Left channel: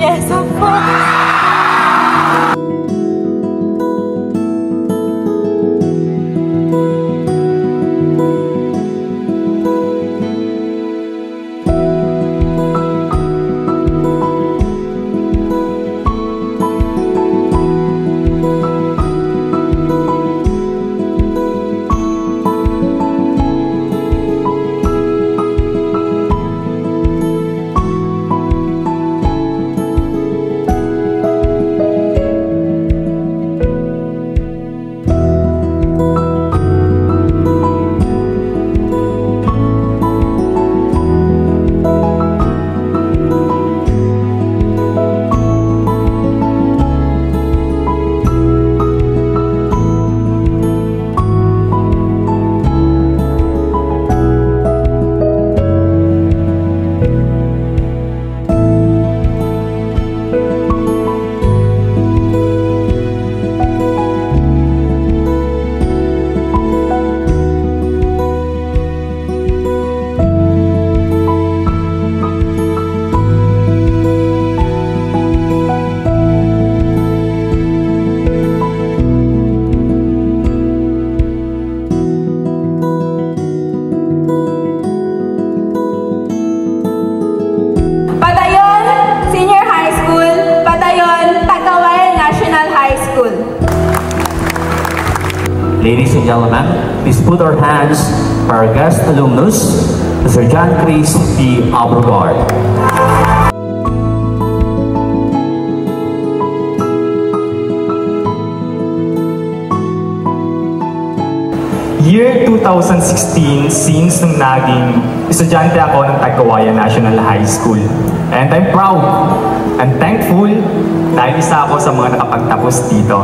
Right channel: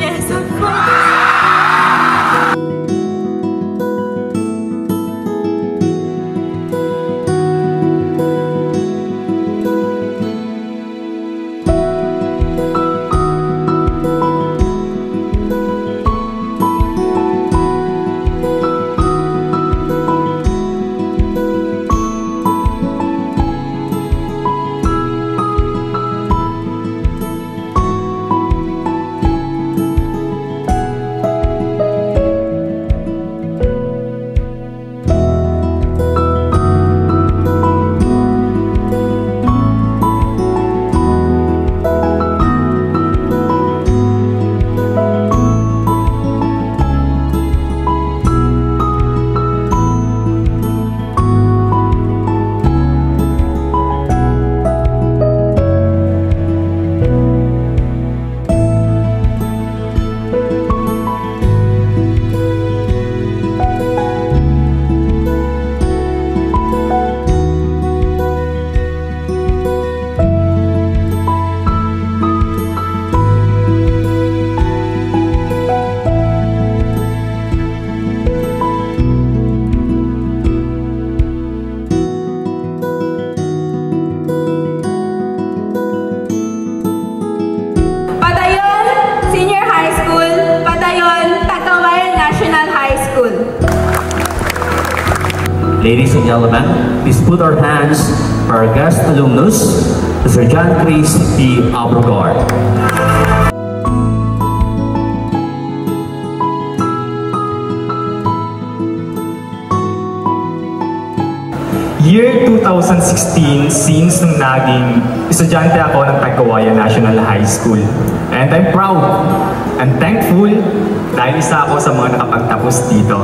Yes, of course. Ladies and gentlemen, please put our hands for our guest alumnus, Mr. John Chris P. Abrogard. Year 2016, since nung naging estudyante ako ng Tagkawayan National High School. And I'm proud and thankful dahil isa ako sa mga nakapagtapos dito.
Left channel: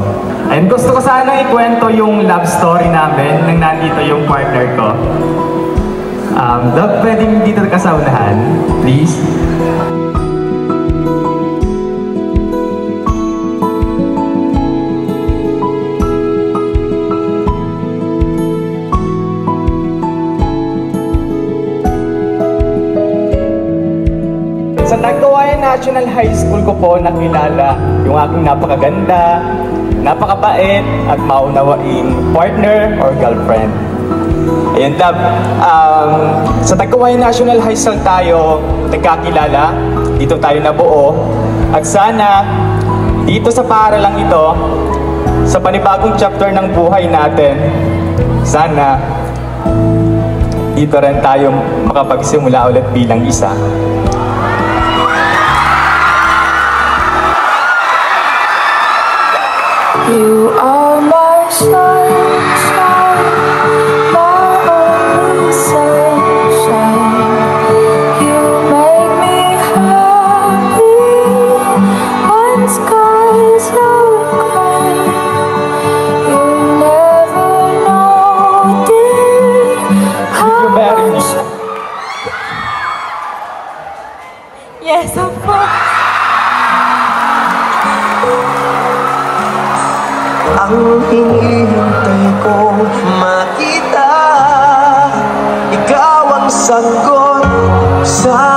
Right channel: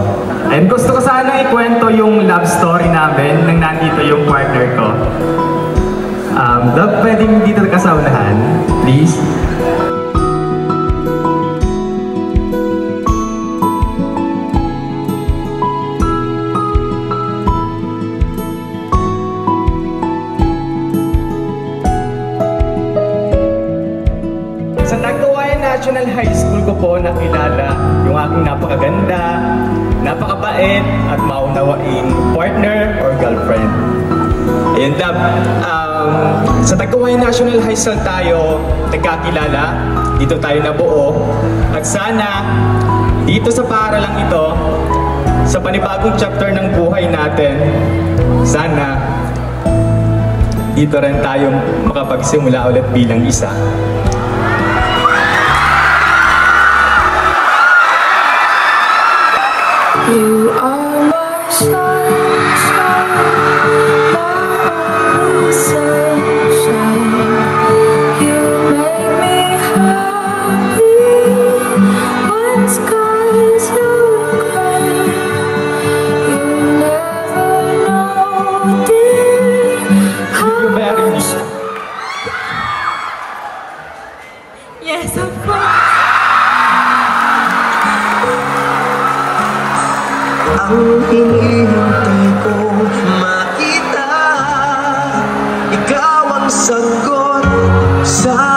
And gusto ko sana ikwento yung love story namin nang nandito yung partner ko. Pwedeng dito ka sa unahan, please. Sa Tagkawayan National High School ko po nakilala yung aking napakaganda, napakabait at maunawaing partner or girlfriend. Ayun, love. Sa Tagkawayan National High School tayo nagkakilala, dito tayo nabuo, at sana dito sa paaralang ito, sa panibagong chapter ng buhay natin, sana dito rin tayo makapagsimula ulit bilang isa. You are my sunshine, my only sunshine. You make me happy when skies are gray. You never know, dear, how much. Yes, of course. Ang hinihintay ko makita, ikaw ang sagot sa